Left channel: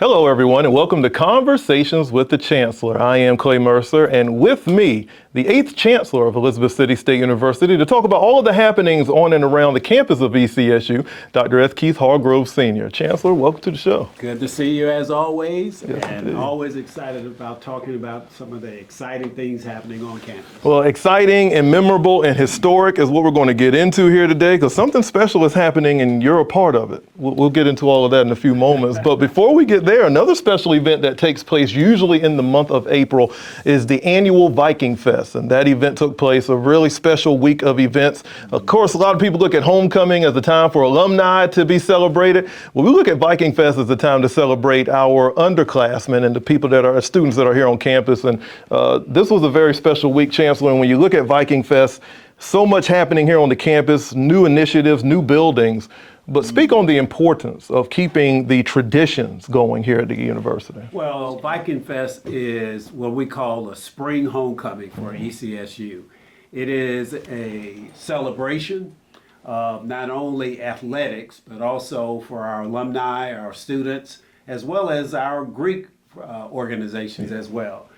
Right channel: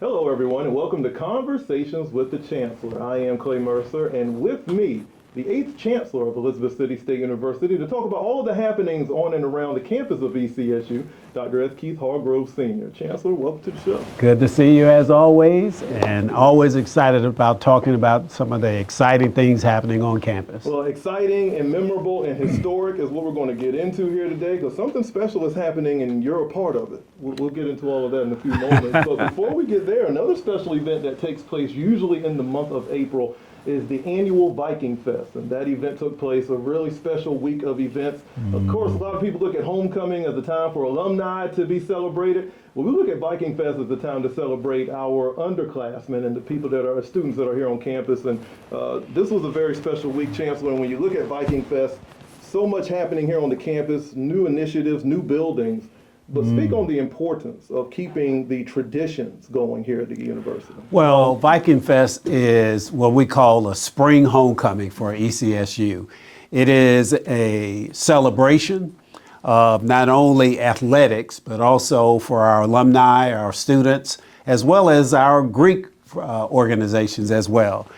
Hello, everyone, and welcome to Conversations with the Chancellor. I am Clay Mercer, and with me, the 8th Chancellor of Elizabeth City State University, to talk about all of the happenings on and around the campus of ECSU, Dr. S. Keith Hargrove Sr. Chancellor, welcome to the show. Good to see you as always, and always excited about talking about some of the exciting things happening on campus. Well, exciting and memorable and historic is what we're going to get into here today, because something special is happening and you're a part of it. We'll get into all of that in a few moments, but before we get there, another special event that takes place usually in the month of April is the annual Viking Fest. And that event took place, a really special week of events. Of course, a lot of people look at homecoming as a time for alumni to be celebrated. Well, we look at Viking Fest as a time to celebrate our underclassmen and the people that are students that are here on campus. And this was a very special week, Chancellor. And when you look at Viking Fest, so much happening here on the campus, new initiatives, new buildings. But speak on the importance of keeping the traditions going here at the university. Well, Viking Fest is what we call a spring homecoming for ECSU. It is a celebration of not only athletics, but also for our alumni, our students, as well as our Greek organizations as well.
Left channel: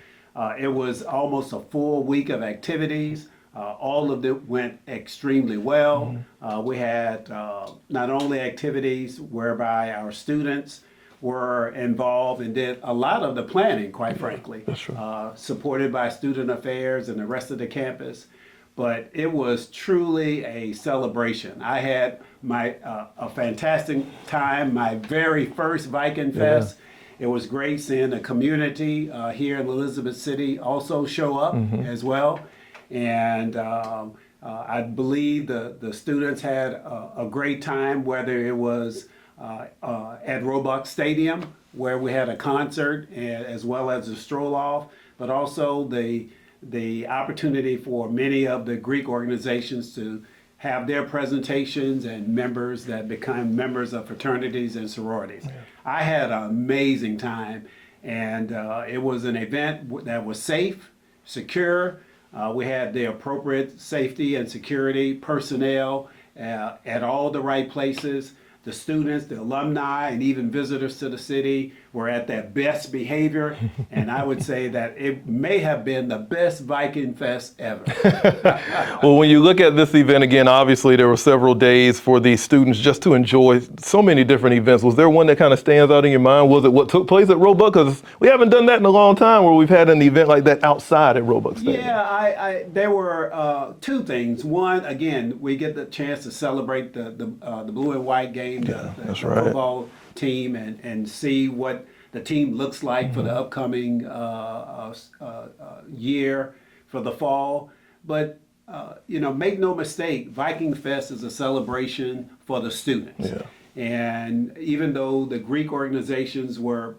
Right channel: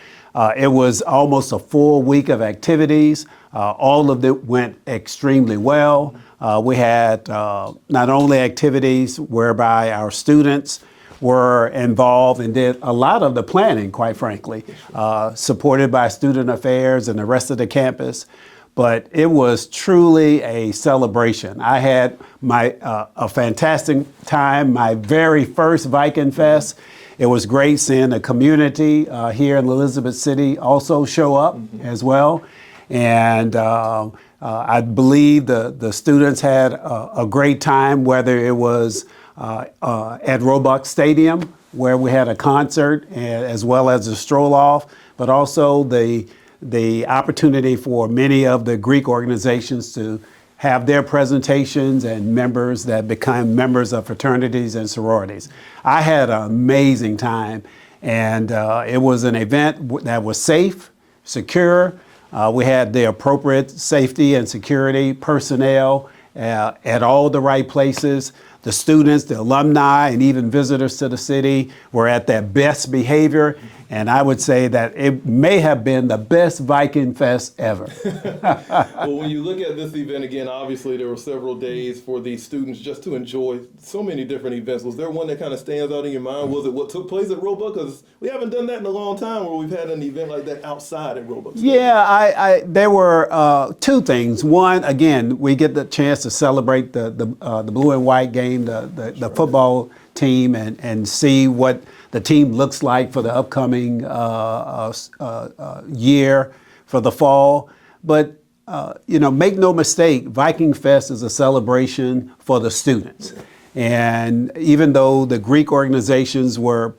It was almost a full week of activities. All of it went extremely well. We had not only activities whereby our students were involved and did a lot of the planning, quite frankly, supported by Student Affairs and the rest of the campus. But it was truly a celebration. I had a fantastic time, my very first Viking Fest. It was great seeing the community here in Elizabeth City also show up as well. And I believe the students had a great time, whether it was at Roebuck Stadium, where we had a concert as well as a stroll off, but also the opportunity for many of the Greek organizations to have their presentations and members that become members of fraternities and sororities. I had an amazing time, and it was an event that was safe, secure. We had the appropriate safety and security personnel at all the right places. The students, the alumni, and even visitors to the city were at their best behavior. And I would say that it may have been the best Viking Fest ever. Well, when you look at this event again, obviously there were several days for these students just to enjoy so many different events. Was there one that kind of stands out in your mind? Was it what took place at Roebuck? Because we haven't done that in a long time where we've had an event like that outside at Roebuck Stadium. Yeah, there were two things. One, again, we get the chance to celebrate the blue and white game, the football team, and see what the team looks like for the upcoming year for the fall. But make no mistake, Viking Fest is a celebration for the students. Yeah. And even though the Greek organizations were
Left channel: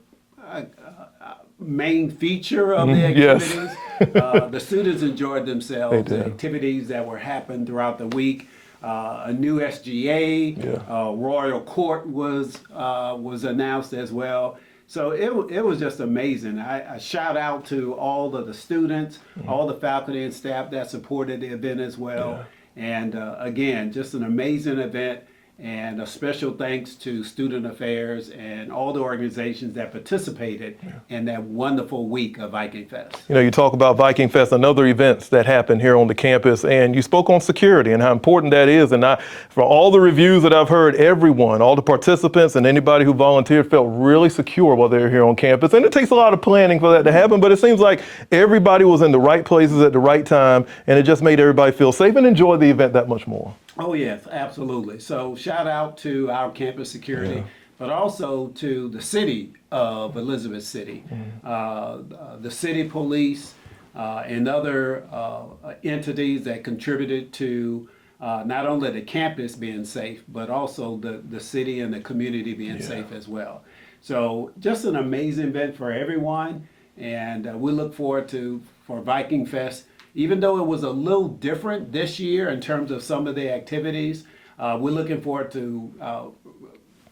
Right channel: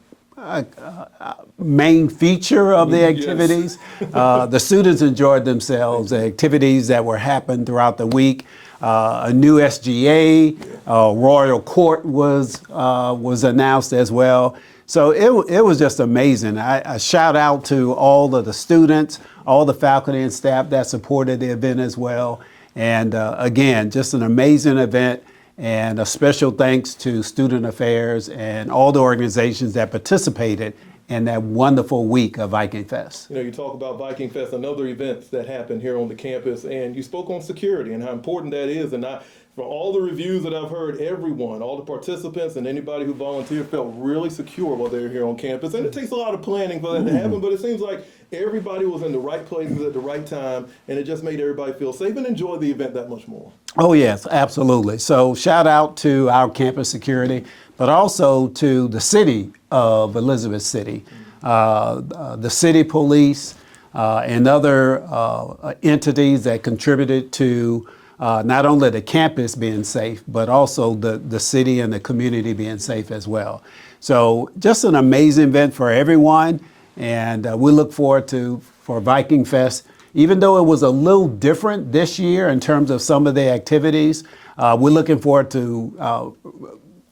main feature of the activities, the students enjoyed themselves. The activities that were happening throughout the week. A new SGA, Royal Court was announced as well. So it was just amazing. I shout out to all of the students, all the faculty and staff that supported the event as well. And again, just an amazing event. And a special thanks to Student Affairs and all the organizations that participated in that wonderful week of Viking Fest. You talk about Viking Fest and other events that happen here on the campus, and you spoke on security and how important that is. And from all the reviews that I've heard, everyone, all the participants and anybody who volunteered felt really secure while they were here on campus. And it takes a lot of planning for that to happen, but it seems like everybody was in the right places at the right time, and it just made everybody feel safe and enjoy the event that much more. Oh, yes, absolutely. So shout out to our campus security, but also to the city of Elizabeth City, the city police, and other entities that contributed to not only the campus being safe, but also the city and the community being safe as well. So just an amazing event for everyone, and we look forward for Viking Fest. Even though it was a little different this year in terms of some of the activities, we're looking forward to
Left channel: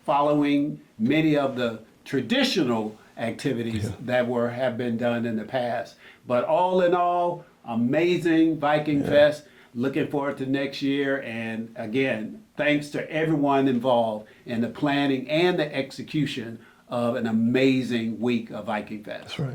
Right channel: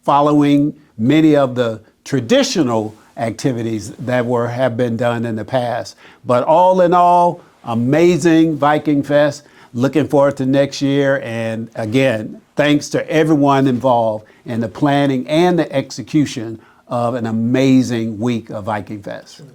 following many of the traditional activities that have been done in the past. But all in all, amazing Viking Fest. Looking forward to next year. And again, thanks to everyone involved in the planning and the execution of an amazing week of Viking Fest. Right.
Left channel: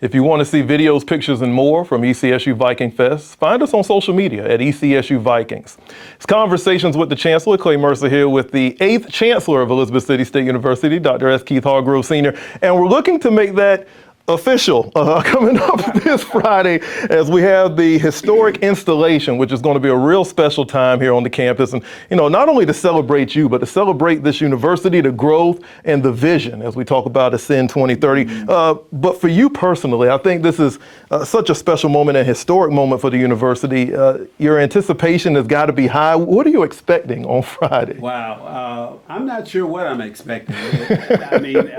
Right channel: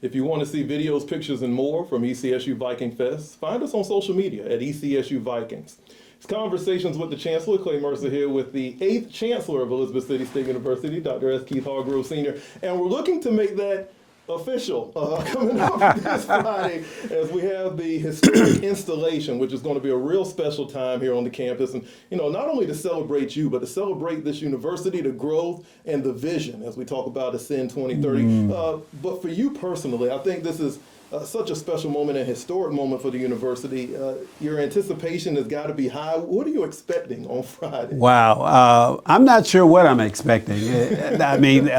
If you want to see videos, pictures, and more from ECSU Viking Fest, find us on social media at ECSU Vikings. It's Conversations with the Chancellor. Clay Mercer here with the 8th Chancellor of Elizabeth City State University, Dr. S. Keith Hargrove Sr. And we're looking to make that official coming up this Friday as we have the historic installation, which is going to be a real special time here on the campus. And, not only to celebrate you, but to celebrate this university, the growth and the vision as we talk about Ascend 2030. But for you personally, I think this is such a special moment, a historic moment for the university. Your anticipation has got to be high. What are you expecting on Friday? Wow. I'm not sure what I'm expecting. I mean,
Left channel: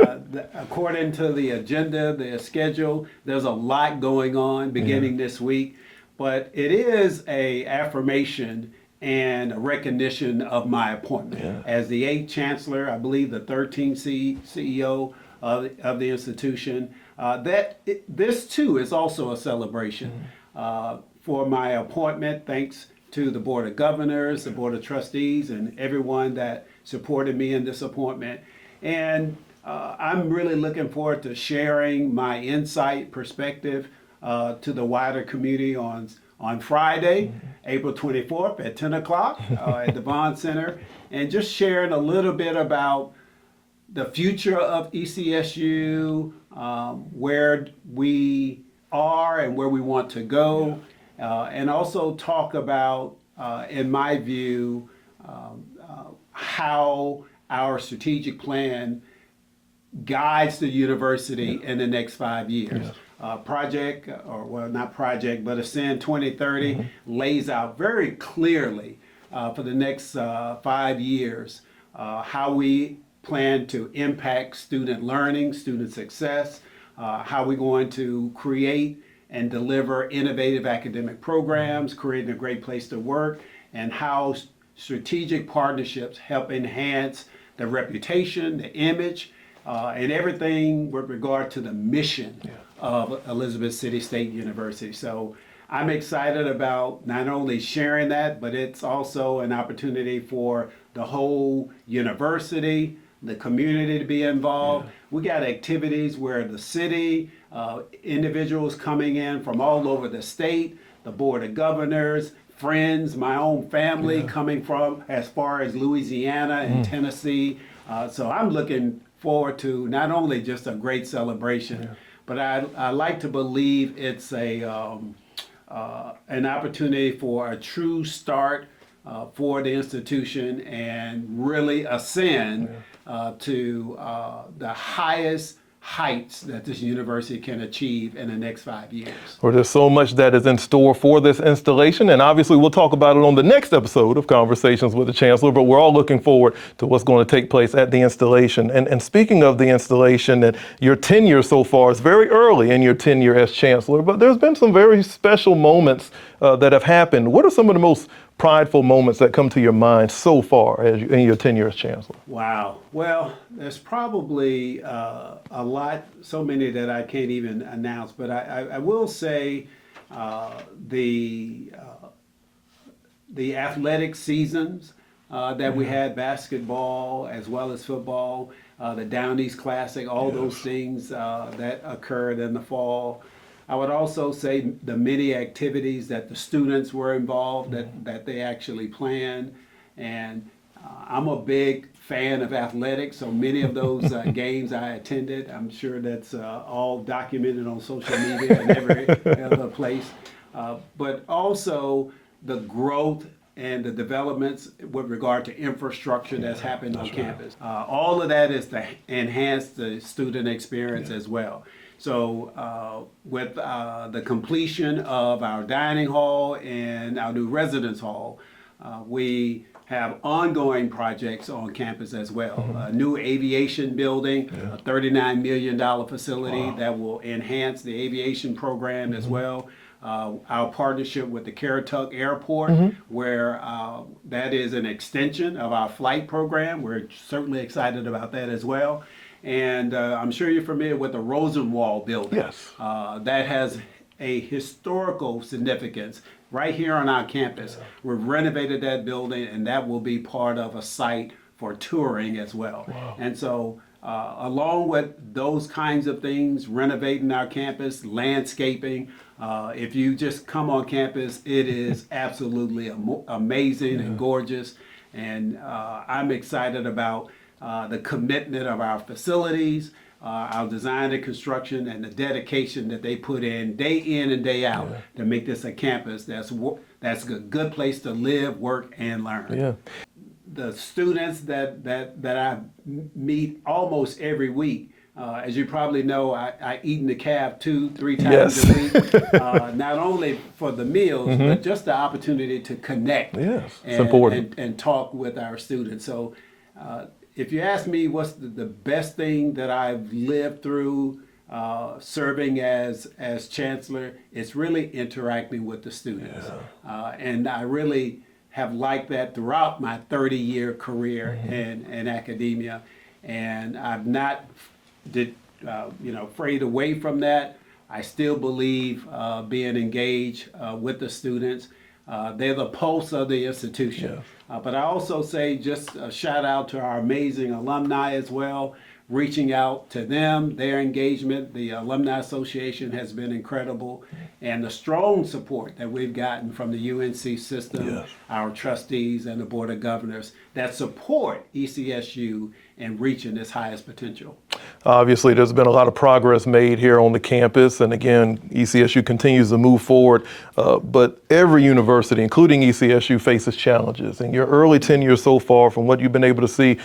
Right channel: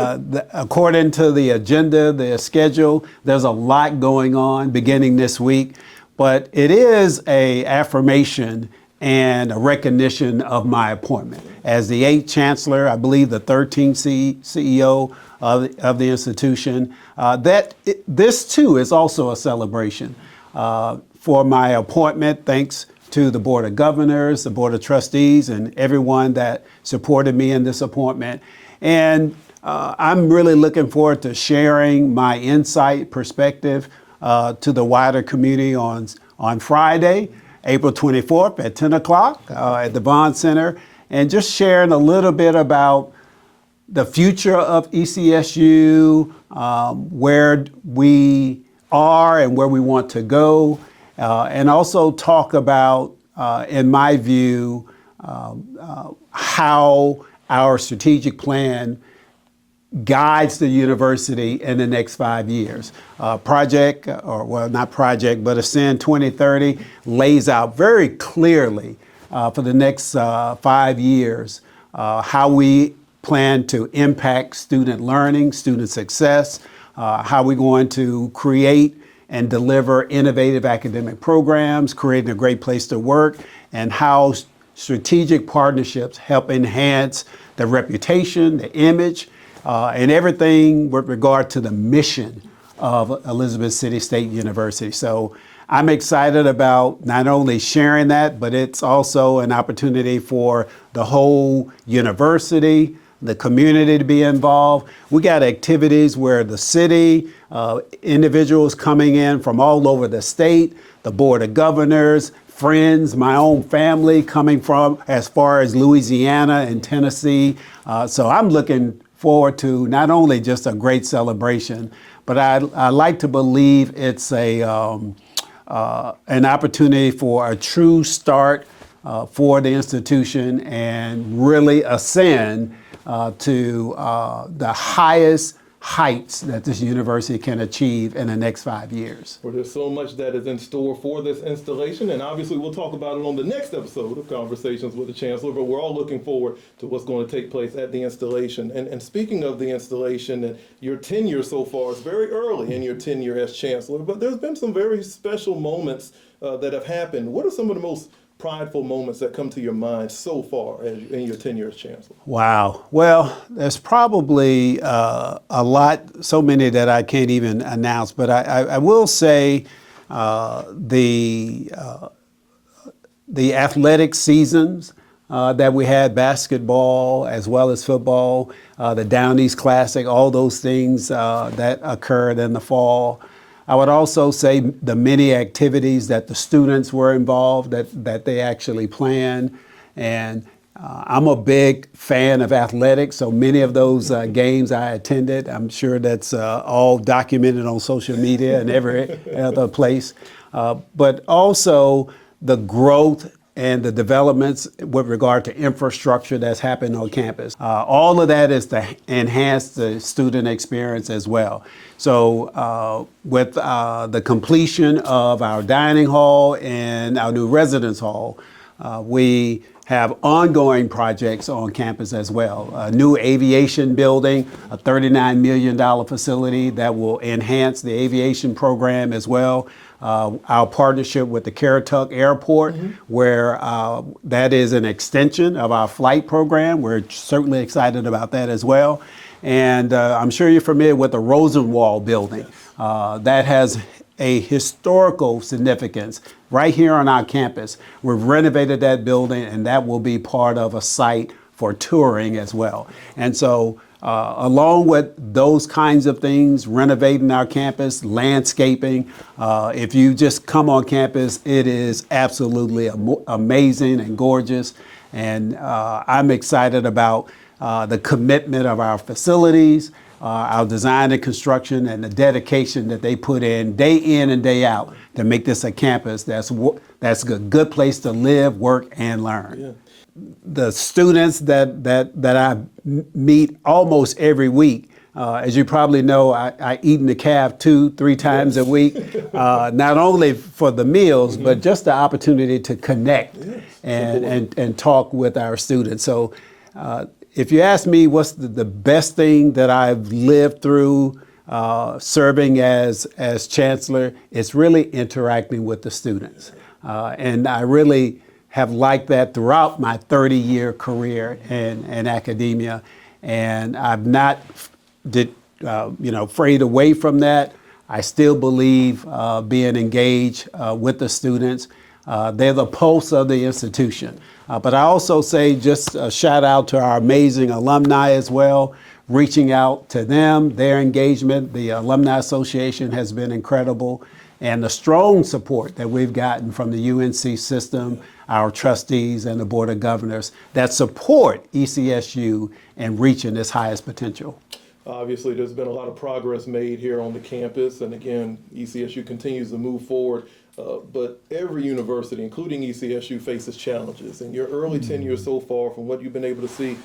according to the agenda, the schedule, there's a lot going on beginning this week, but it is an affirmation and a recognition of my appointment. Yeah. As the 8th Chancellor, I believe the 13th CEO of the institution, this too is also a celebration for my appointment, thanks to the Board of Governors, the Board of Trustees, and everyone that supported me in this appointment. And I'm really looking forward to sharing my insight, perspective to the wider community on Friday, April 24th at 10 o'clock at the Vaughn Center, and just sharing a little bit about the future of ECSU, where we are and where we want to go, and also talk about, in my view, how our strategic plan guides the university in the next 5 years. Ascend 2030 lays out very clearly for the next 5 years how we plan to impact student learning, student success, how we're going to create and deliver innovative academic programs, creating a great place to work, and how strategic partnerships help enhance the reputation, the image, and everything with regard to the mission of Elizabeth City State University. So I'm excited about not only sharing that, but it's also an opportunity for the whole university, the community to be involved. We got activities where the city, individuals coming in from all over the state, the Board of Governors, friends, my own family coming from as far as Louisiana and Tennessee. So I'm looking forward to not only just a great celebration, but I like to believe it's an opportunity for a true start for the institution and really ascend to the highest heights that this university can achieve in the next 5 years. Well, there's so much that is in store for this installation, and obviously we'll talk about it on the next episode of Conversations with the Chancellor, but we're all looking forward to what's going to take place at the installation. And speaking of the installation, and your tenure so far is very early in your tenure as Chancellor, but there's been some very special moments that have happened. What are some of the most prideful moments that come to your mind so far in your tenure as Chancellor? Wow. Well, there's probably a lot, so many that I can't even announce, but I will say the athletic seasons that we had, basketball as well as football, the Down East Classic, all those things that occurred in the fall. I would also say the many activities that the students were involved, that they actually planned. And I'm a big fan of athletics, so many of those games I attended. I'm sure that's all documented on social media and every other place. But also the growth and the developments with regard to infrastructure that's happened on campus. All of that is to enhance the student experience as well. So with the completion of our dining hall and our new residence hall, we have ongoing projects on campus as well. A new aviation building, a $39 million facility that will enhance the aviation program as well. Our partnership with the Caratuck Airport, where that is an extension of our flight program. We're certainly excited about that as well. And I'm sure you're familiar with the Rosenwald building. Yes. That has a historical significance right here on our campus. We've renovated that building, and that will be part of a site for touring as well. Wow. And so Along with those kinds of things, renovating our campus, landscaping, if you just come on campus, it is absolutely amazing and gorgeous. And I'm excited about the commitment of our facilities, our design and construction, and the dedication that they put in and day out to make this a campus that's a good place to live, work, and learn. Yeah. The students that I meet almost every week, as you probably know, I eat in the caf 2-3 times a week, not only for the meals, but just the opportunity to connect and talk with our students. So if you ask me what's the best thing that I've lived through serving as chancellor, it's really interacting with the students. And I really have liked that throughout my 30-year career in academia. And I've not frayed away from that. I still believe being engaged with the students. They're the pulse of the institution. But I also say just a shout out to our amazing alumni as well, reaching out to them, their engagement. The Alumni Association has been incredible. And the strong support that we've gotten from the UNC system, our trustees and the Board of Governors that support ECSU in reaching its highest potential. Obviously, there's been a lot of progress made here on the campus, and again, ECSU continues to move forward, but every university, including ECSU, faces challenges. In your early tenure so far, from what you've been able to see,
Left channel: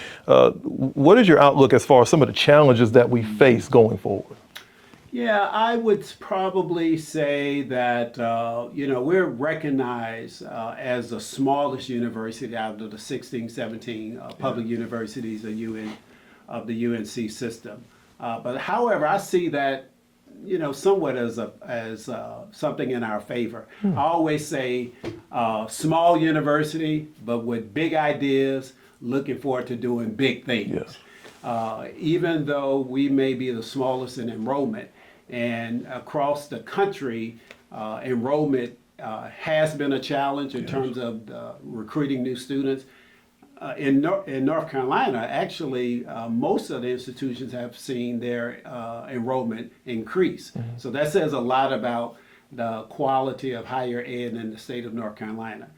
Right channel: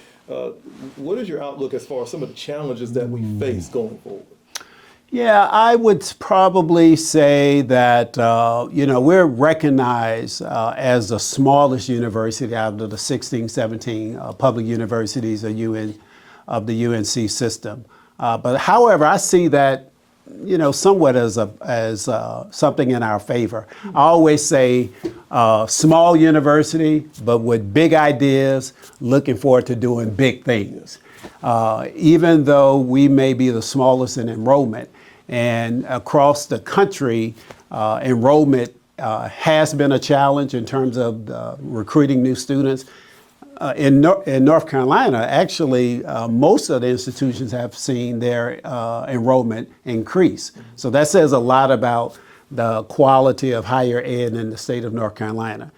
what is your outlook as far as some of the challenges that we face going forward? Yeah, I would probably say that, we're recognized as the smallest university out of the 16, 17 public universities of the UNC system. But however, I see that, somewhat as something in our favor. I always say small university, but with big ideas, looking forward to doing big things. Even though we may be the smallest in enrollment, and across the country, enrollment has been a challenge in terms of recruiting new students. In North Carolina, actually, most of the institutions have seen their enrollment increase. So that says a lot about the quality of higher ed in the state of North Carolina.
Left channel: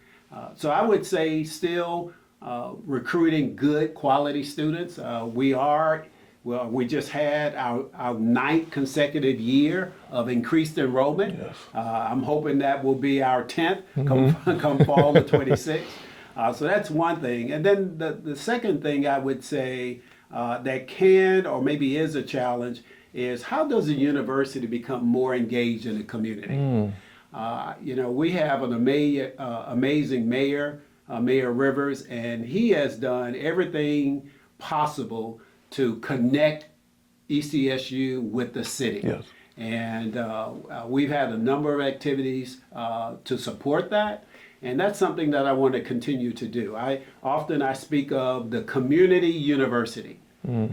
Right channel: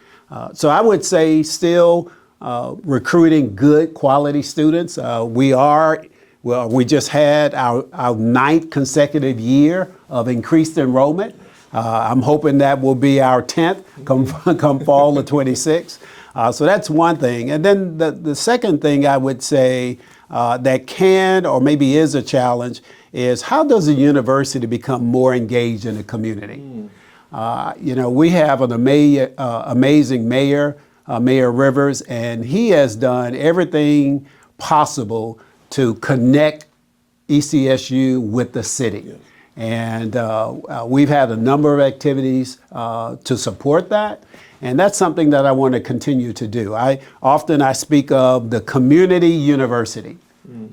So I would say still recruiting good quality students. We just had our 9th consecutive year of increased enrollment. I'm hoping that will be our 10th come fall of 26. So that's one thing. And then the second thing I would say that can or maybe is a challenge is how does a university become more engaged in the community? We have an amazing mayor, Mayor Rivers, and he has done everything possible to connect ECSU with the city. And we've had a number of activities to support that. And that's something that I want to continue to do. I speak of the community university,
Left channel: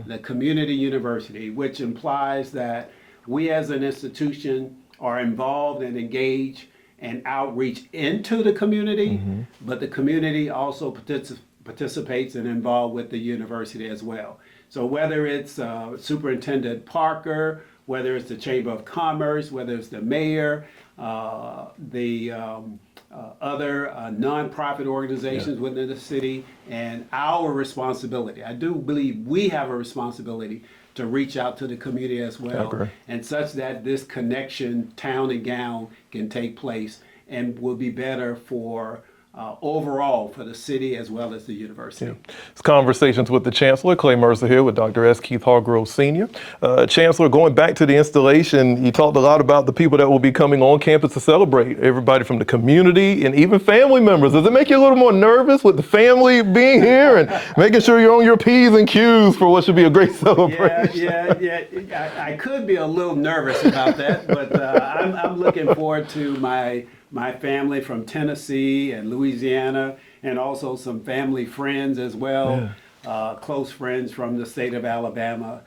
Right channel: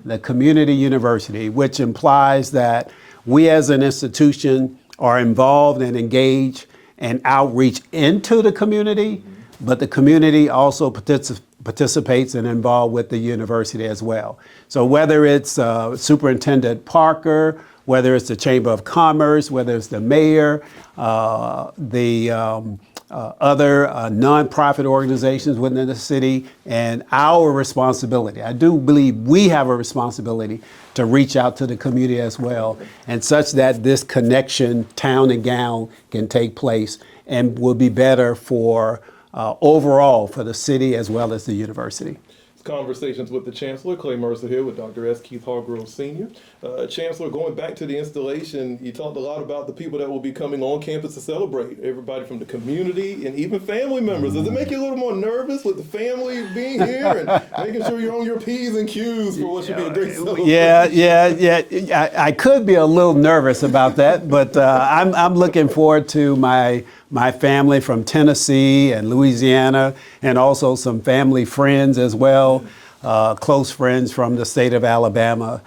the community university, which implies that we as an institution are involved and engaged and outreach into the community, but the community also participates and involved with the university as well. So whether it's Superintendent Parker, whether it's the Chamber of Commerce, whether it's the mayor, the other nonprofit organizations within the city, and our responsibility. I do believe we have a responsibility to reach out to the community as well, and such that this connection, town and gown, can take place and will be better for overall for the city as well as the university. It's Conversations with the Chancellor. Clay Mercer here with Dr. S. Keith Hargrove Sr. Chancellor, going back to the installation, you talked a lot about the people that will be coming on campus to celebrate, everybody from the community and even family members. Does it make you a little more nervous with the family being here and making sure you're on your P's and Q's for what should be a great celebration? Yeah. I could be a little nervous about that, but I'm looking forward to my family from Tennessee and Louisiana, and also some family friends as well, close friends from the state of Alabama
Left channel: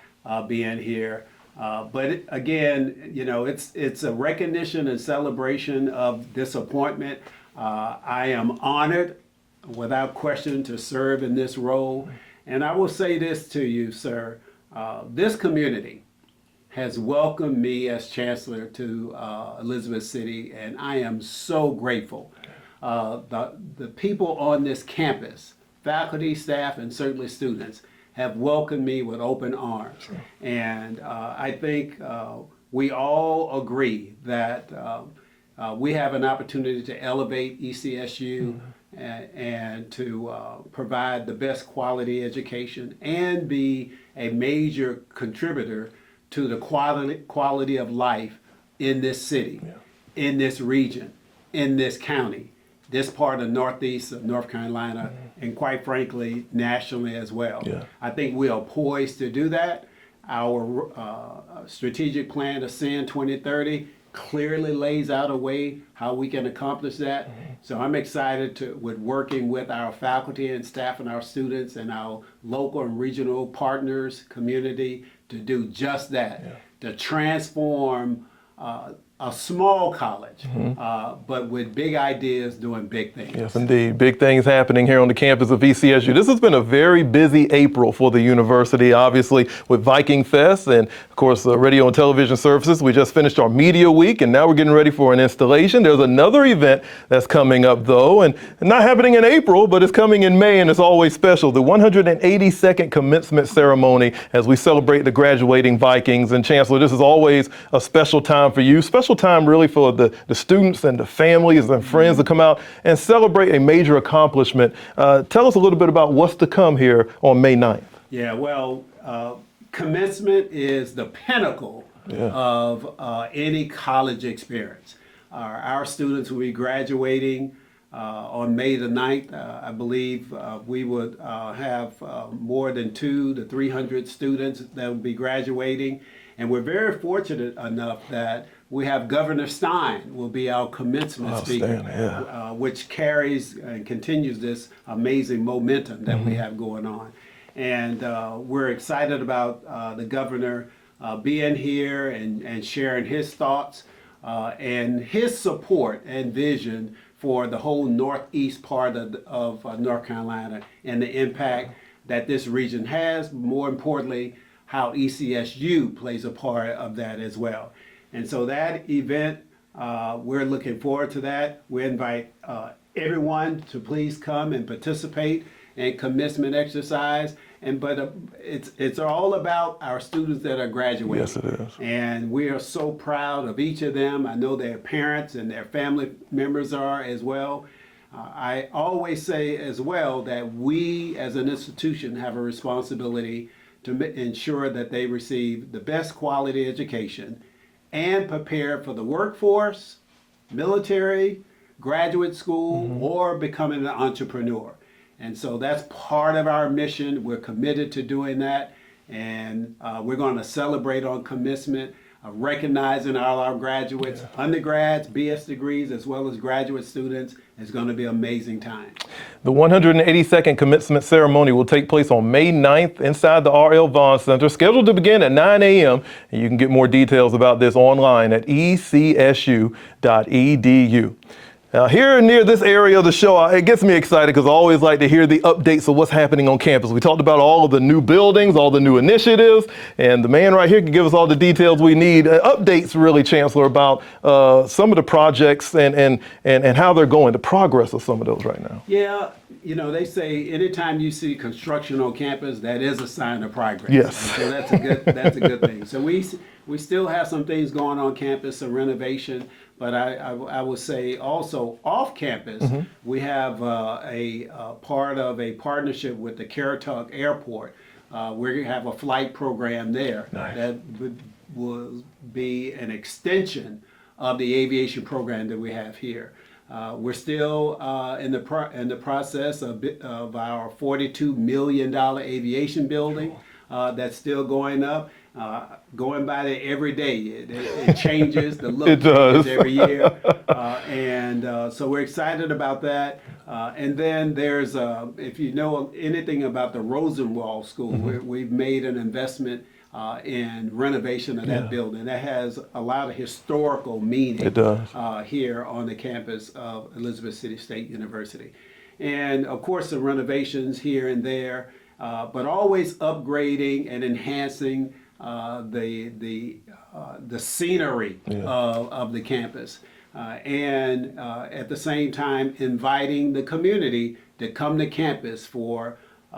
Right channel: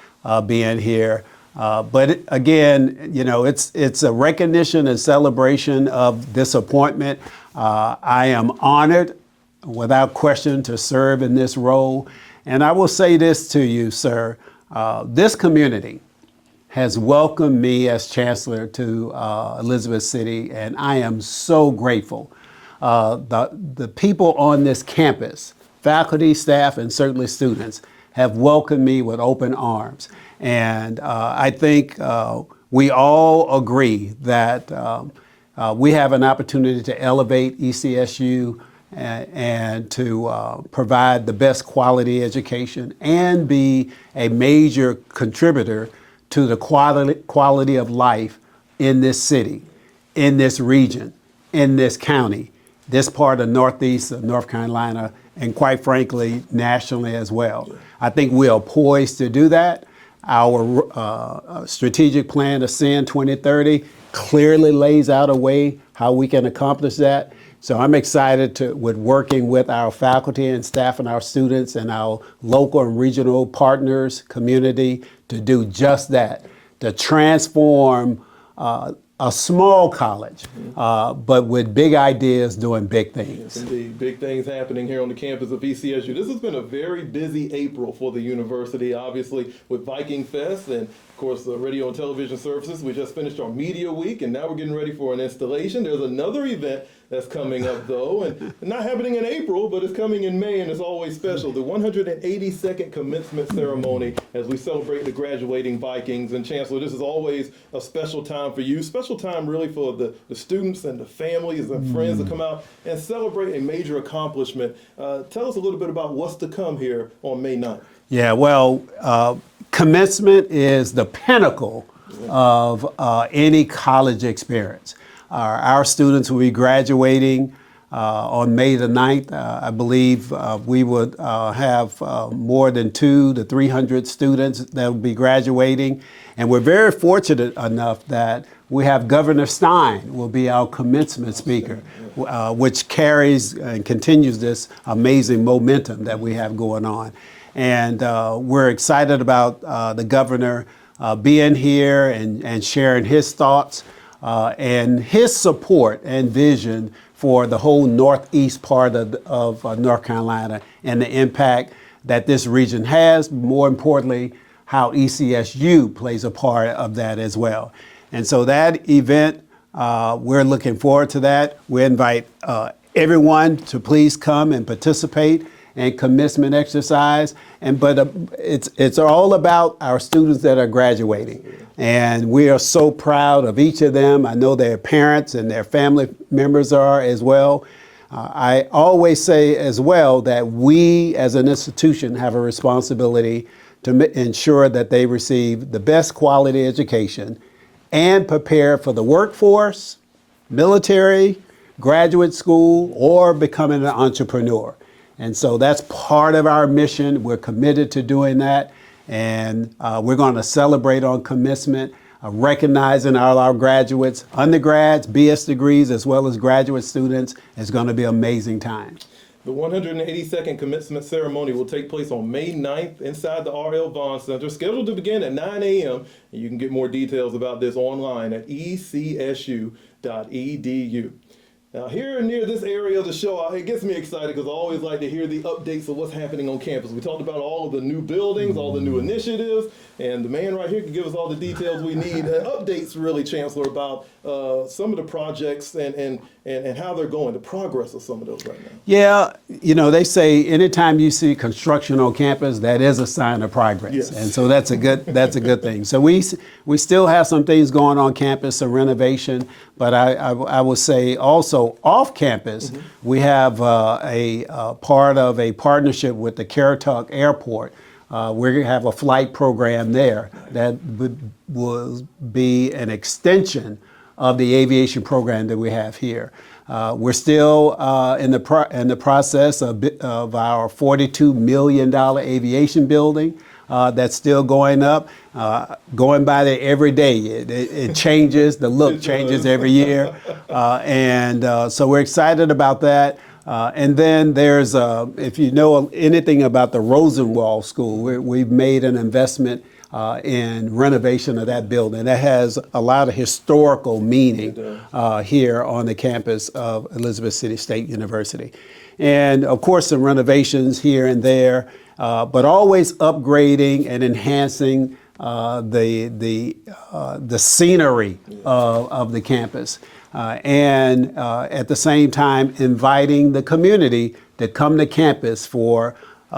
being here. But again, it's a recognition and celebration of this appointment. I am honored, without question, to serve in this role. And I will say this to you, sir. This community has welcomed me as Chancellor to Elizabeth City, and I am so grateful. The people on this campus, faculty, staff, and certainly students, have welcomed me with open arms. And I think we all agree that we have an opportunity to elevate ECSU and to provide the best quality education and be a major contributor to the quality of life in this city, in this region, in this county, this part of Northeast of North Carolina, and quite frankly, nationally as well. Yeah. I think we are poised to do that. Our strategic plan, Ascend 2030, clearly lays out a way how we can accomplish that. So I'm excited with working with our faculty and staff and our students and our local and regional partners, community, to do just that, to transform a small college, but with big ideas doing big things. Yes, indeed. Big things happening here on the campus of ECSU. This has been a very busy April for the university, obviously, with Viking Fest and, of course, radio and television services. We just finished our media week, and now we're getting ready for an installation. There's another event that's coming up, though, and not happening in April, but it's coming in May, and it's always special. The 182nd commencement ceremony as we celebrate the graduating Vikings. And Chancellor, this is always a special time for you. Special time really for the students and the families and friends to come out and celebrate a major accomplishment. Tell us a little bit about what's to come here on May 9th. Yeah, well, commencement is the pinnacle of any college experience. Our students will be graduating on May the 9th. I believe we would have more than 200 to 300 students that will be graduating. And we're very fortunate enough that we have Governor Stein will be our commencement speaker, which carries and continues this amazing momentum that we have going on. And we're excited about the governor being here and sharing his thoughts and his support and vision for the whole northeast part of North Carolina and the impact that this region has, more importantly, how ECSU plays a part of that as well. And so that event, we're looking forward to that. We invite everyone to please come and participate in commencement exercise. But it's all about our students that are graduating. Yes, it is. And we are so proud of each of them. I know their parents and their family members are as well. I always say as well that we as an institution have a responsibility to ensure that they receive the best quality education and prepare for the workforce, military, graduate school, or becoming an entrepreneur. And so that's part of our mission. We're committed to doing that. And we're going to celebrate on commencement, recognizing all our graduates, undergrads, BS degrees, as well as graduate students. It's going to be an amazing time. The 182nd commencement ceremony will take place on May 9th inside the R.L. Vaughn Center, scheduled to begin at 9 a.m. And you can get more details about this online at ecsu.edu. Now, here near this area of the show, it gets me excited because I always like to hear the updates of what's happening on campus. We talked about all of the new buildings, all the new initiatives, and the man right here can give us all the details we need. Updates, really, Chancellor, about some of the projects and how they're going, the progress of some of those right now. Yeah, you know, they say anytime you see construction on campus, that is a sign of progress. Yes. And so that's a good thing. So we still have some things going on campus, some renovation, but I will say also off campus, we have a part of a partnership with the Caratuck Airport. We're going to have a flight program there that will be an extension of the aviation program that we have here. We're still in the process of our $42 million aviation building that's still going up. Going by there every day, it changes. The look changes every year, and so we're excited about that. And then there's, if you know anything about the Rosenwald School, we've made an investment in renovation of that building. That has a lot of historical meaning here on the campus of Elizabeth City State University. and of course some renovations here and there, but always upgrading and enhancing the scenery of the campus, and at the same time inviting the community to come to campus for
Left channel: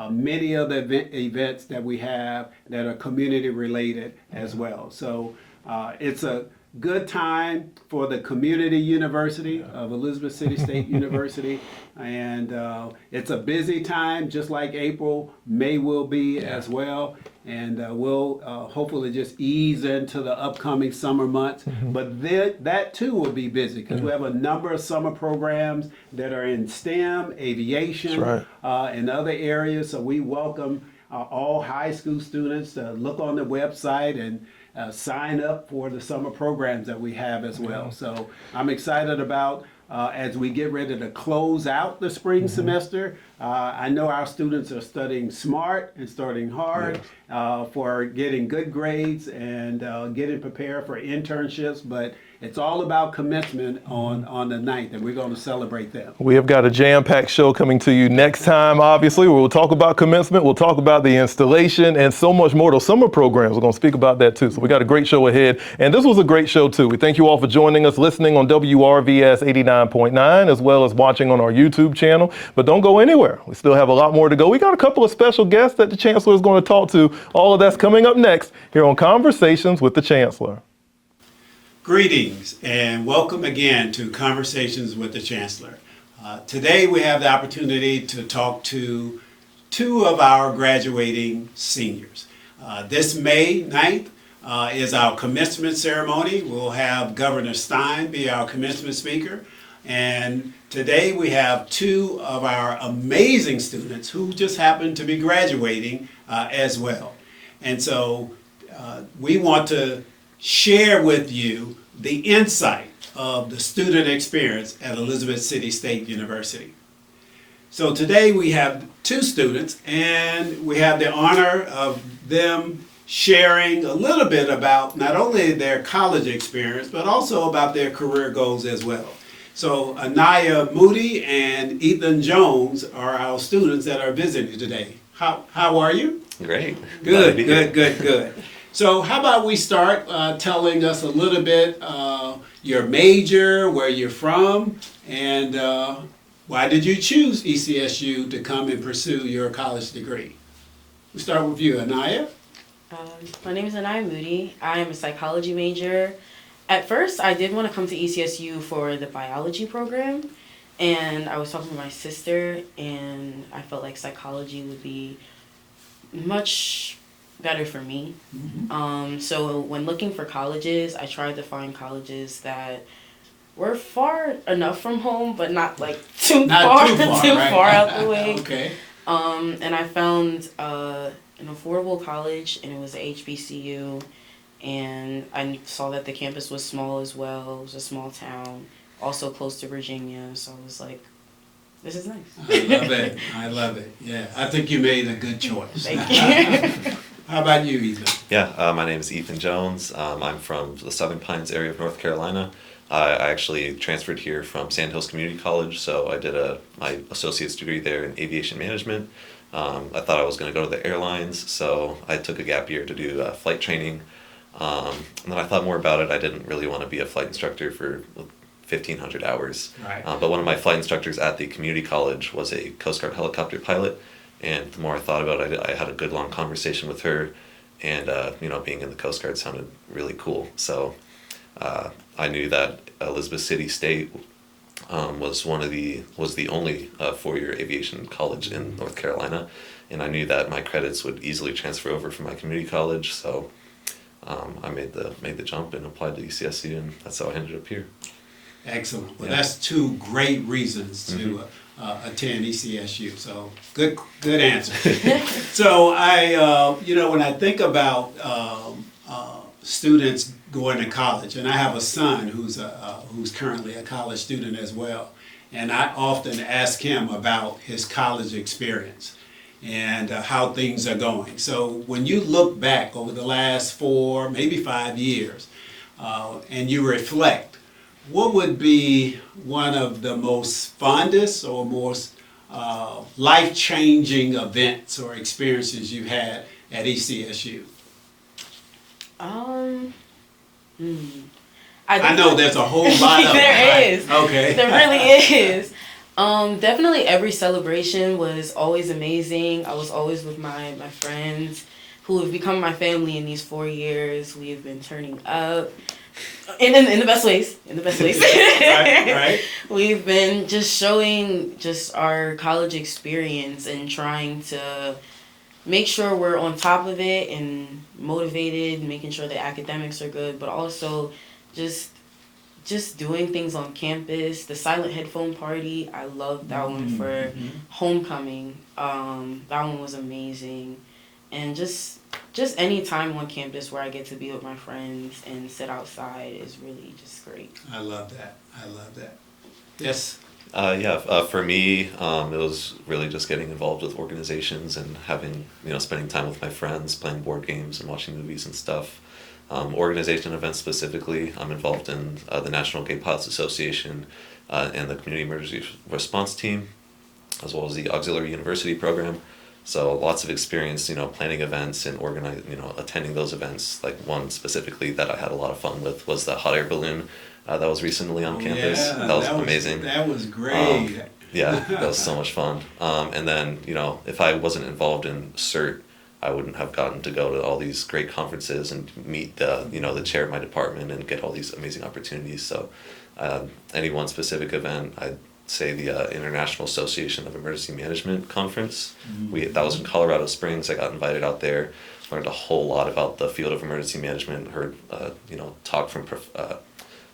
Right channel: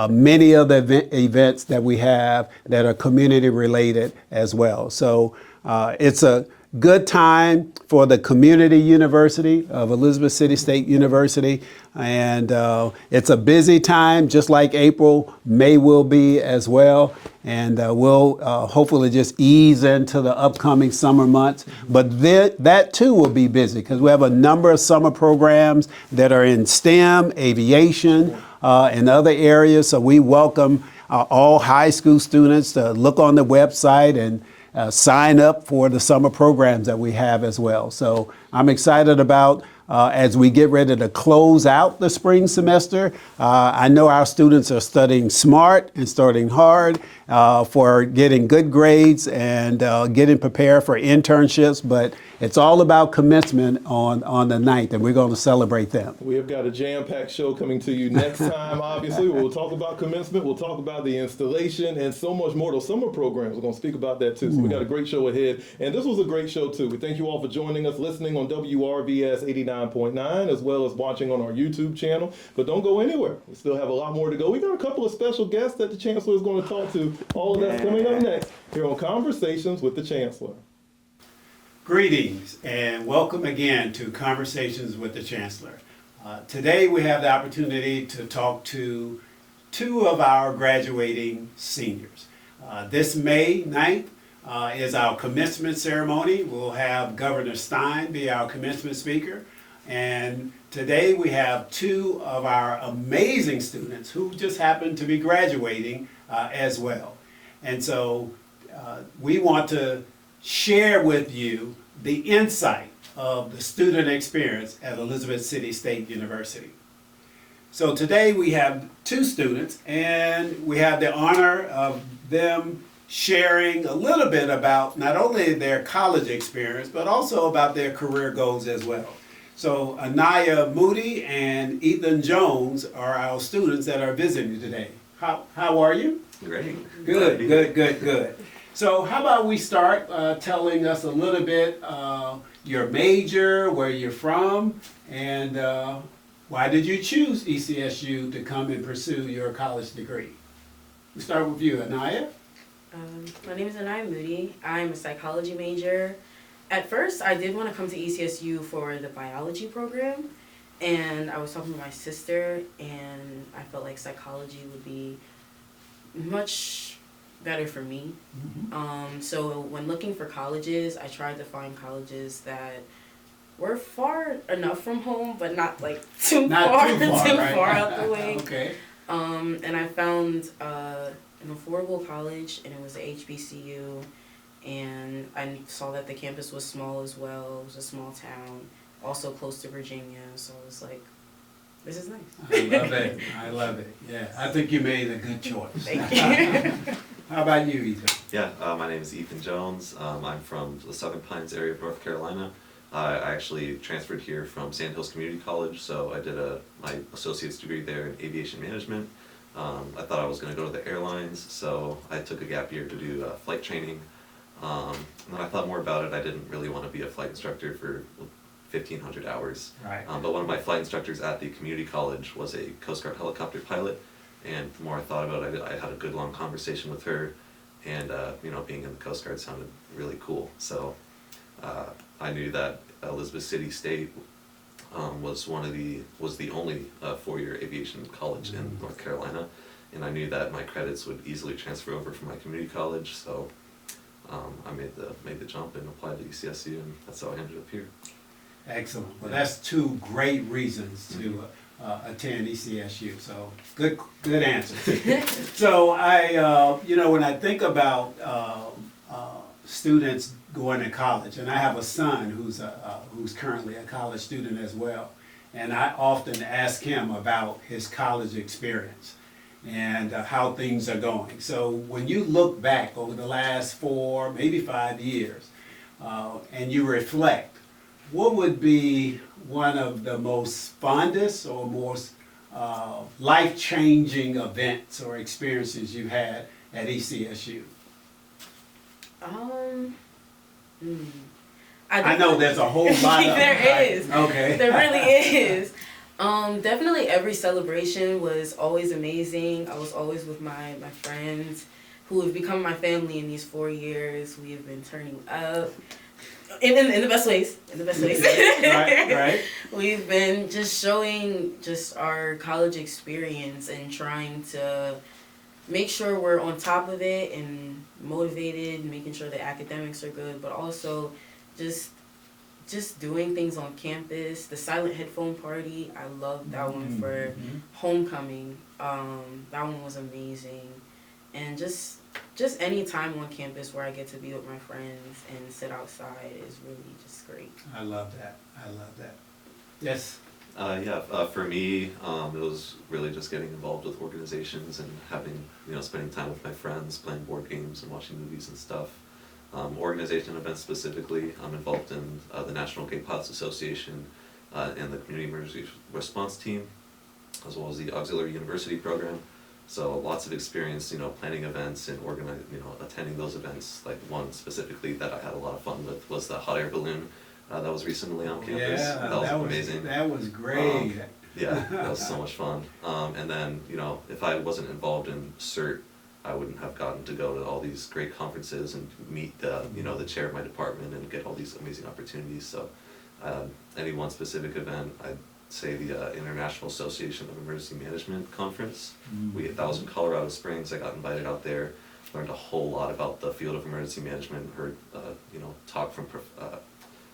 many of the events that we have that are community related as well. So it's a good time for the community university of Elizabeth City State University. And it's a busy time, just like April. May will be as well. And we'll hopefully just ease into the upcoming summer months. But that too will be busy because we have a number of summer programs that are in STEM, aviation, and other areas. So we welcome all high school students to look on the website and sign up for the summer programs that we have as well. So I'm excited about as we get ready to close out the spring semester. I know our students are studying smart and studying hard for getting good grades and getting prepared for internships, but it's all about commencement on the 9th, and we're going to celebrate them. We have got a jam-packed show coming to you next time, obviously. We'll talk about commencement, we'll talk about the installation, and so much more. Those summer programs, we're going to speak about that too. So we got a great show ahead, and this was a great show too. We thank you all for joining us, listening on WRVS 89.9, as well as watching on our YouTube channel. But don't go anywhere. We still have a lot more to go. We got a couple of special guests that the Chancellor is going to talk to. All of that's coming up next here on Conversations with the Chancellor. Greetings and welcome again to Conversations with the Chancellor. Today we have the opportunity to talk to two of our graduating seniors. This May 9th is our commencement ceremony. We'll have Governor Stein be our commencement speaker. And today we have two of our amazing students who just happen to be graduating as well. And so we want to share with you the insight of the student experience at Elizabeth City State University. So today we have two students, and we have the honor of them sharing a little bit about not only their college experience, but also about their career goals as well. So Anaya Moody and Ethan Jones are our students that are visiting today. How are you? Great. Good. So how about we start telling us a little bit your major, where you're from, and why did you choose ECSU to come and pursue your college degree? We start with you, Anaya. My name is Anaya Moody. I'm a psychology major. At first, I did want to come to ECSU for the biology program, and I was talking to my sister, and I felt like psychology would be much better for me. So when looking for colleges, I tried to find colleges that were far enough from home, but not like too far out the way. Okay. And I found an affordable college, and it was a HBCU, and I saw that the campus was small as well. It was a small town, also close to Virginia, so I was like, this is nice. I love it. Yeah, I think you made a good choice. Thank you. How about you, Ethan? Yeah, my name is Ethan Jones. I'm from the Southern Pines area of North Carolina. I actually transferred here from Sand Hills Community College, so I did my associate's degree there in aviation management. I thought I was going to go to the airlines, so I took a gap year to do flight training. And then I thought more about it. I didn't really want to be a flight instructor for 1,500 hours. Right. But one of my flight instructors at the community college was a Coast Guard helicopter pilot. And the more I thought about it, I had a good long conversation with her, and being in the Coast Guard sounded really cool. So I knew that Elizabeth City State was the only four-year aviation college in North Carolina, and I knew that my credits would easily transfer over from my community college. So I made the jump and applied to UCSC, and that's how I ended up here. Excellent. Well, that's two great reasons to attend ECSU. So good answer. So I, when I think about students going to college, and I have a son who's currently a college student as well, and I often ask him about his college experience and how things are going. So when you look back over the last 4, maybe 5 years, and you reflect, what would be one of the most fondest or most life-changing events or experiences you had at ECSU? I know there's a whole lot of them. There is. Okay. There really is. Definitely every celebration was always amazing. I was always with my friends who have become my family in these 4 years. We have been turning up in the best ways. In the best ways. Right. We've been just showing just our college experience and trying to make sure we're on top of it and motivated, making sure the academics are good, but also just doing things on campus. The silent headphone party, I loved that one for homecoming. That one was amazing. And just any time on campus where I get to be with my friends and sit outside is really just great. I love that. Yes. For me, it was really just getting involved with organizations and having, spending time with my friends, playing board games and watching movies and stuff. Organization events specifically, I'm involved in the National Gay Pots Association and the Community Emergency Response Team, as well as the Auxiliary University Program. So lots of experience, planning events and attending those events. Like one specifically that I had a lot of fun with was the hot air balloon that was recently on campus. Yeah, that was amazing. That was great. Yeah, that was so much fun. And then, if I wasn't involved in CERT, I wouldn't have gotten to go to all these great conferences and meet the chair of my department and get all these amazing opportunities. So any one specific event, I'd say the International Association of Emergency Management Conference. That was in Colorado Springs. I got invited out there, learned a whole lot about the field of emergency management, heard talk from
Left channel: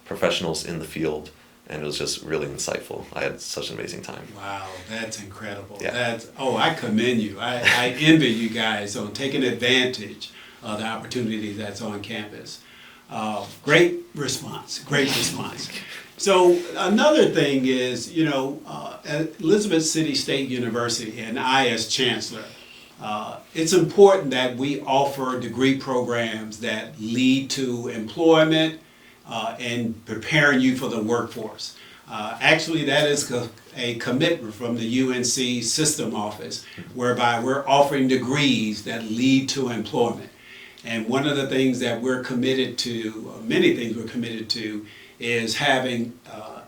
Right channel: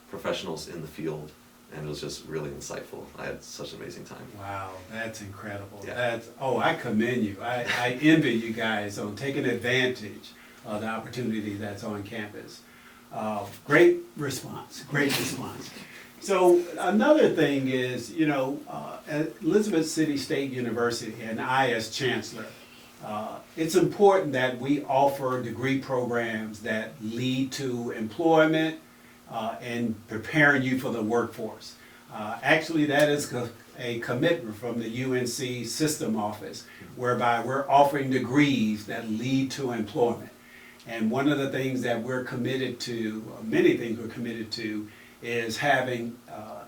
professionals in the field, and it was just really insightful. I had such an amazing time. Wow, that's incredible. Yeah. I commend you. I envy you guys on taking advantage of the opportunity that's on campus. Great response. So another thing is, at Elizabeth City State University and I as Chancellor, it's important that we offer degree programs that lead to employment and preparing you for the workforce. Actually, that is a commitment from the UNC System Office, whereby we're offering degrees that lead to employment. And one of the things that we're committed to, many things we're committed to, is having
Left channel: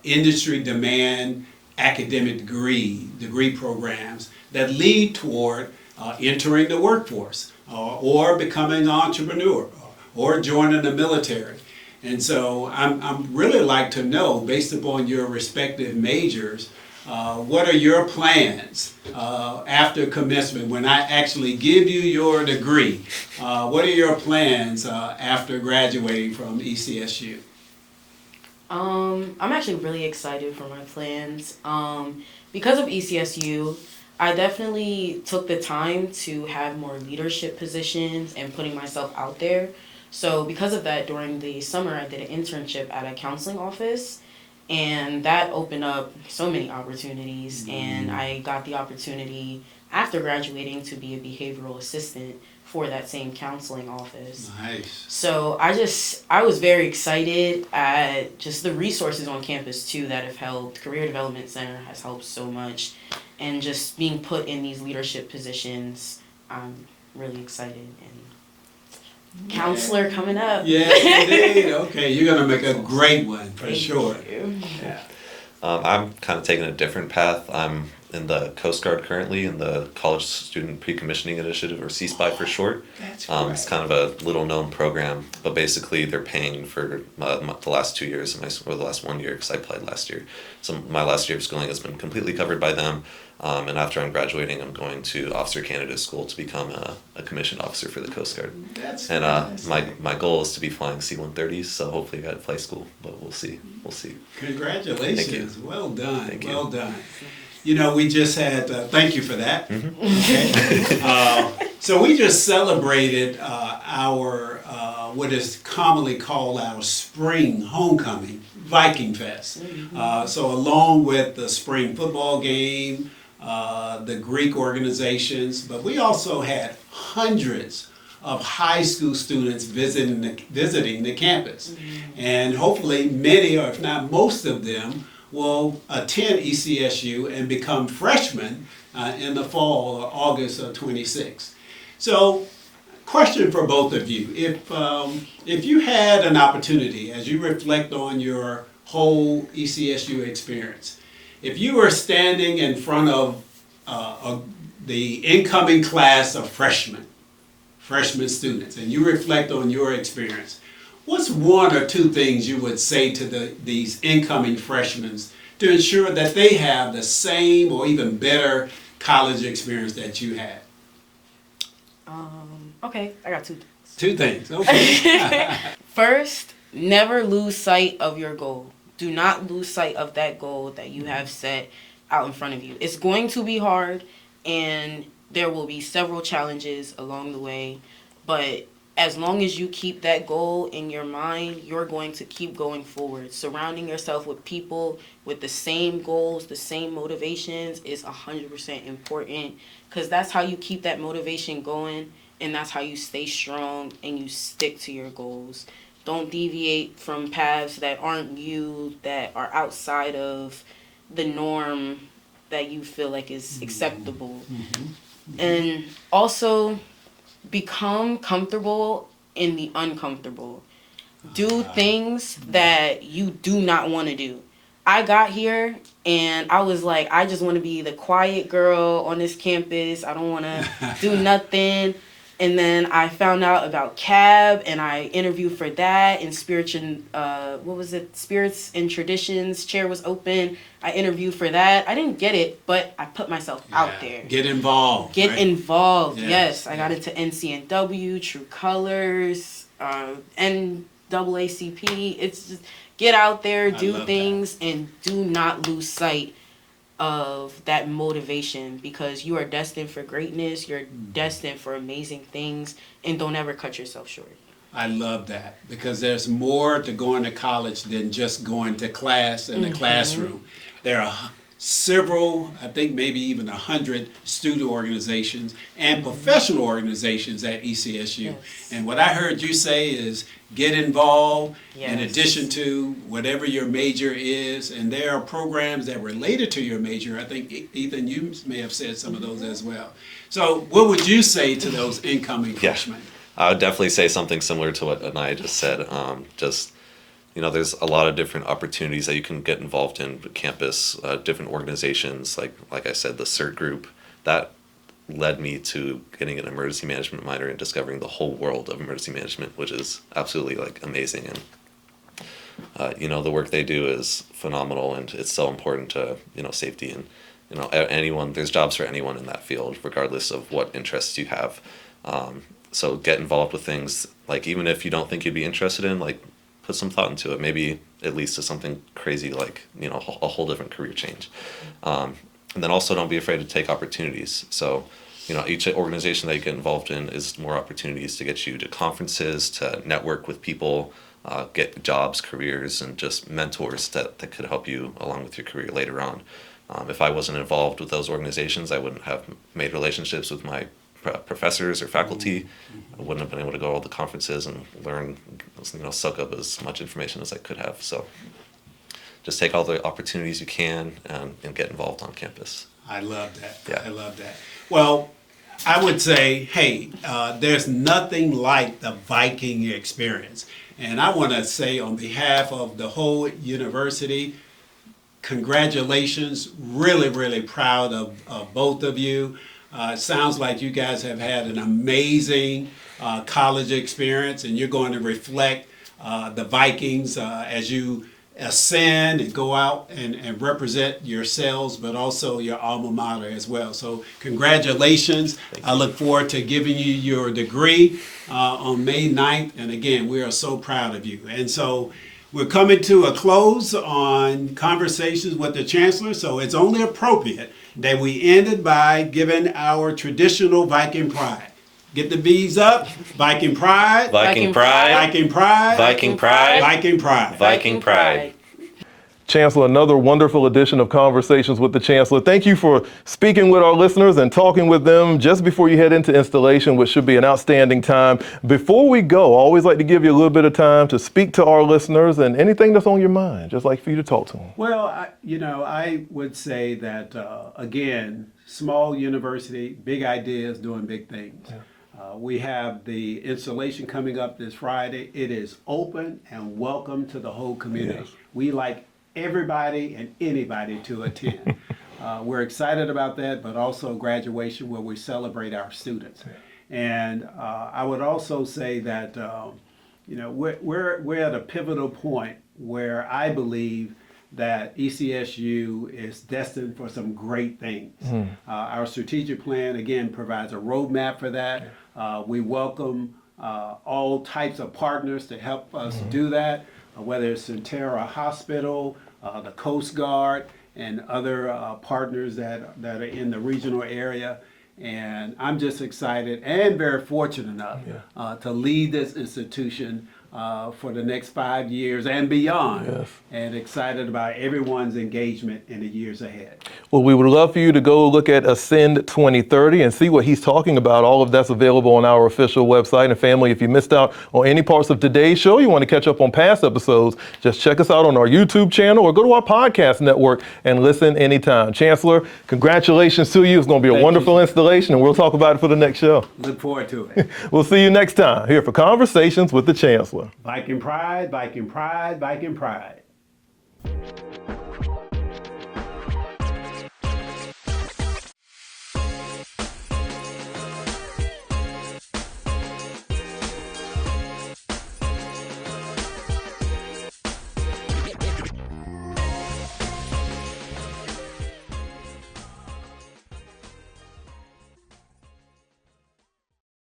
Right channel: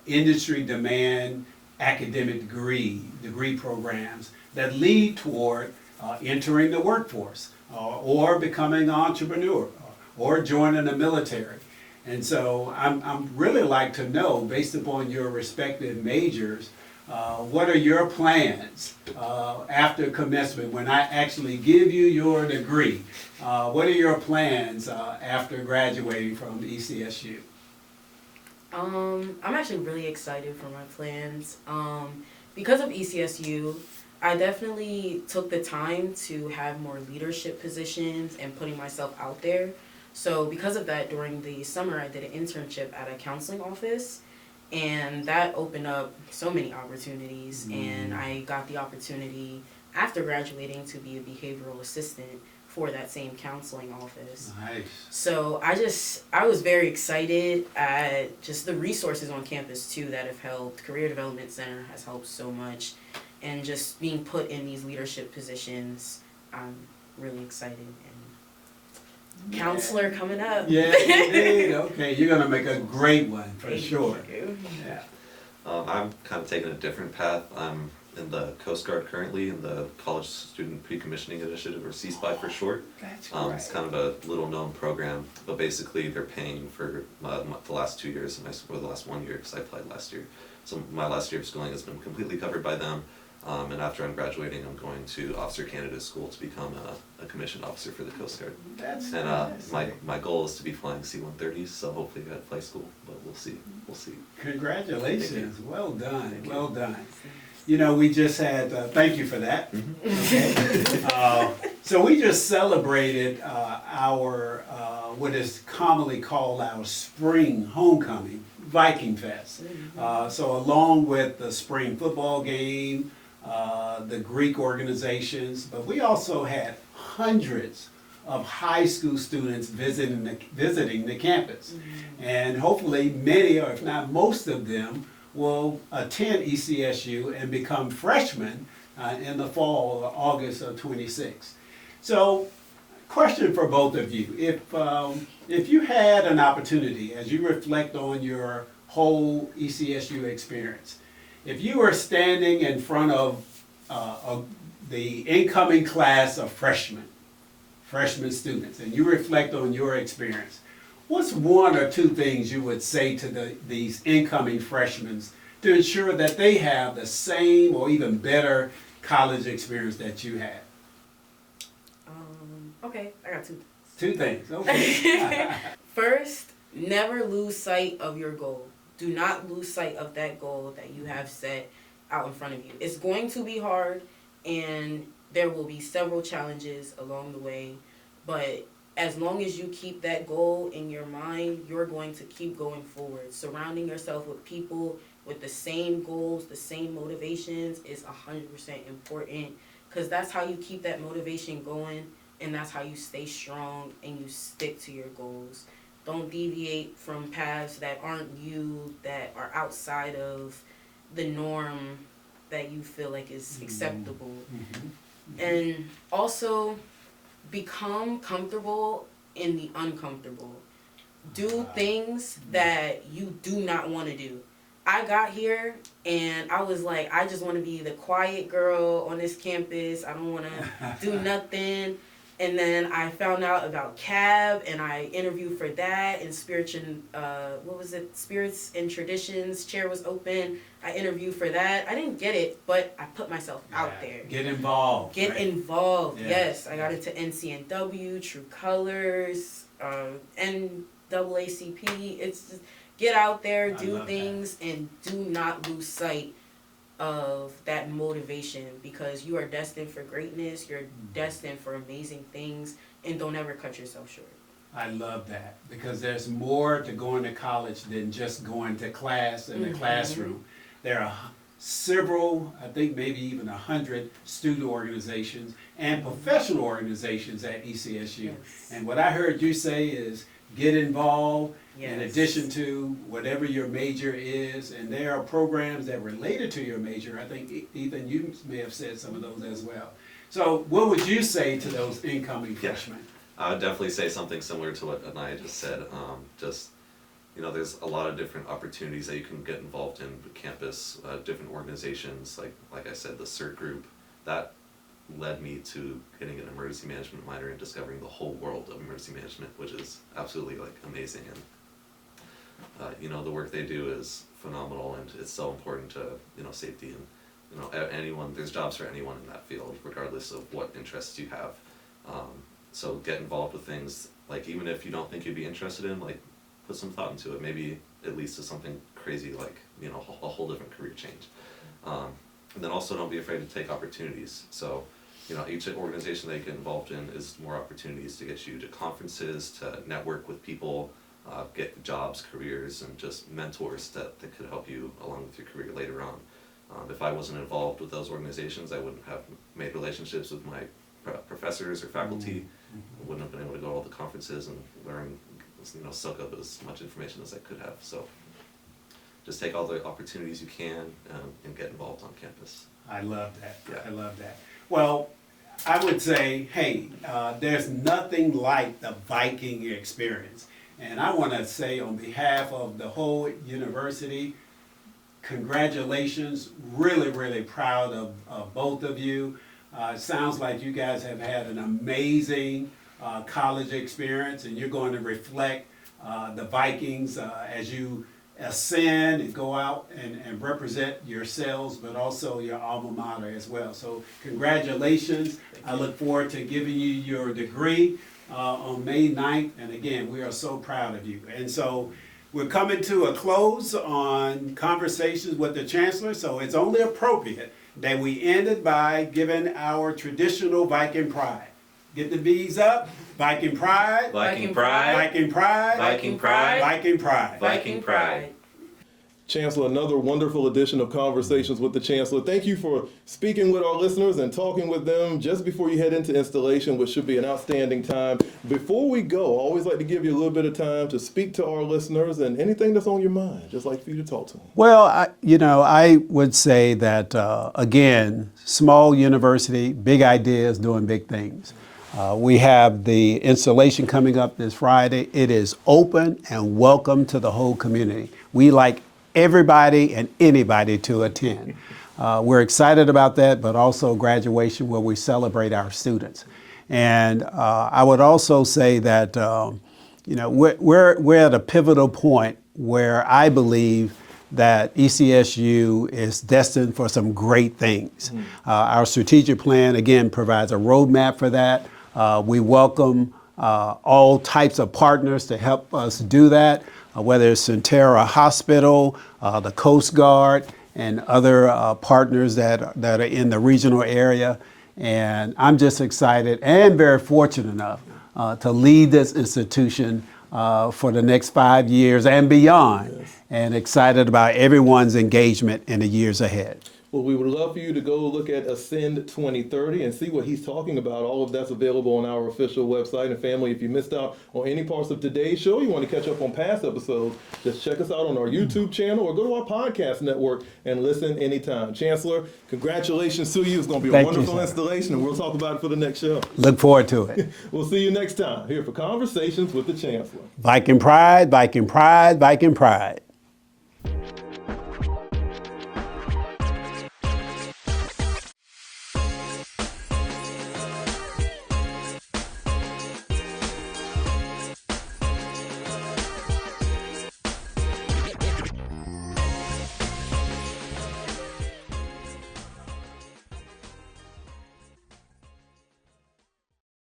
industry demand academic degree programs that lead toward entering the workforce or becoming an entrepreneur or joining the military. And so I'm really like to know, based upon your respective majors, what are your plans after commencement when I actually give you your degree? What are your plans after graduating from ECSU? I'm actually really excited for my plans. Because of ECSU, I definitely took the time to have more leadership positions and putting myself out there. So because of that, during the summer, I did an internship at a counseling office, and that opened up so many opportunities. And I got the opportunity after graduating to be a behavioral assistant for that same counseling office. Nice. So I was very excited at just the resources on campus too that have helped. Career Development Center has helped so much, and just being put in these leadership positions, I'm really excited. And Counselor coming up. Yes, indeed. Okay, you're gonna make a great one for sure. Yeah. I'm kind of taking a different path. I'm in the Coast Guard currently in the College Student Pre-Commissioning Initiative, or CSPI for short. That's It's kind of a little known program, but basically they're paying for the last 2 years, or the last 1 year, because I applied last year. So my last year of schooling has been completely covered by them. And after I'm graduating, I'm going to Officer Candidate School to become a commissioned officer for the Coast Guard. My goal is to be flying C-130s, so hopefully I fly school, but we'll see. Congratulations. Well done. Thank you. Well done. We just had, thank you for that. Okay. So we just celebrated our, what is commonly called our spring homecoming, Viking Fest. So along with the spring football game, the Greek organizations, but we also had hundreds of high school students visiting the campus. And hopefully many, or if not most of them, will attend ECSU and become freshmen in the fall or August of 26. So, question for both of you. If you had an opportunity, as you reflect on your whole ECSU experience, if you were standing in front of the incoming class of freshman students, and you reflect on your experience, what's one or two things you would say to these incoming freshmen to ensure that they have the same or even better college experience that you had? Okay, I got two. Two things, okay. First, never lose sight of your goal. Do not lose sight of that goal that you have set out in front of you. It's going to be hard, and there will be several challenges along the way, but as long as you keep that goal in your mind, you're going to keep going forward. Surrounding yourself with people with the same goals, the same motivations is 100% important, because that's how you keep that motivation going, and that's how you stay strong and you stick to your goals. Don't deviate from paths that aren't you, that are outside of the norm that you feel like is acceptable. And also, become comfortable in the uncomfortable. Do things that you do not want to do. I got here and I was like, I just want to be the quiet girl on this campus. I don't want to do nothing. And then I found out about CAB, and I interviewed for that. And Spirits and Traditions chair was open. I interviewed for that. I didn't get it, but I put myself out there. Get involved. Get right? involved. Yes. Yes, I got into NCNW, True Colors, NAACP. It's just get out there, do things, and do not lose sight of that motivation, because you are destined for greatness. You're destined for amazing things, and don't ever cut yourself short. I love that, because there's more to going to college than just going to class in the classroom. There are several, I think maybe even 100 student organizations and professional organizations at ECSU. Yes. And what I heard you say is get involved in Yes. addition to whatever your major is. And there are programs that are related to your major. I think, Ethan, you may have said some of those as well. So what would you say to those incoming freshmen? I would definitely say something similar to what Anaya just said. There's a lot of different opportunities that you can get involved in campus, different organizations, like I said, the CERT group, that led me to getting an emergency management minor and discovering the whole world of emergency management, which is absolutely amazing. And the work they do is phenomenal, and it's so important to safety, and anyone. There's jobs for anyone in that field, regardless of what interests you have. So get involved with things, even if you don't think you'd be interested in, put some thought into it. Maybe it leads to something crazy, a whole different career change. And then also don't be afraid to take opportunities. So, each organization that you get involved in is more opportunities to get you to conferences, to network with people, get jobs, careers, and just mentors that could help you along with your career later on. If I wasn't involved with those organizations, I wouldn't have made relationships with my professors or faculty. I wouldn't have been able to go to all the conferences and learn, soak up as much information as I could have. So just take all the opportunities you can and get involved on campus. I love that. Yeah. I love that. Well, I would say, hey, there's nothing like the Viking experience. And I want to say on behalf of the whole university, congratulations. Really, really proud of both of you. It sounds like you guys have had an amazing college experience, and you're going to reflect the Vikings as you ascend and go out and represent yourselves, but also your alma mater as well. So congratulations. I look forward to giving you your degree on May 9th. And again, we are so proud of you. And so we're coming to a close on Conversations with the Chancellor, so it's only appropriate that we ended by giving our traditional Viking pride. Get the V's up. Viking pride. Viking pride. Viking pride. Viking pride. Viking pride. Viking pride. Chancellor, another wonderful edition of Conversations with the Chancellor. Thank you for speaking with our listeners and talking with them just before you head into installation, which should be an outstanding time. Before we go, I always like to give you a little bit of time to speak to our listeners and anything that's on your mind, just like for you to talk to them. Well, I would say that, again, small university, big ideas, doing big things. We have the installation coming up this Friday. It is open and welcome to the whole community. Yes. We like everybody and anybody to attend. We're excited about that, but also graduation where we celebrate our students. And I would also say that we're at a pivotal point where I believe that ECSU is destined for some great things. Our strategic plan, again, provides a roadmap for that. We welcome all types of partners to help us do that, whether it's Centera Hospital, the Coast Guard, and other partners that are in the regional area. And I'm just excited and very fortunate enough to lead this institution for the next 5 years and beyond, and excited about everyone's engagement in the years ahead. Well, we would love for you to go look at Ascend 2030 and see what he's talking about. All of that's available on our official website. And family, if you missed out on any parts of today's show, you want to catch up on past episodes, just check us out on our YouTube channel or go to our podcast network and listen anytime. Chancellor, congratulations to you. It's going to be a wonderful installation, and we'll talk about it for the next show. Look forward to it. We'll see you next time here for Conversations with the Chancellor. Viking pride, Viking pride, Viking pride.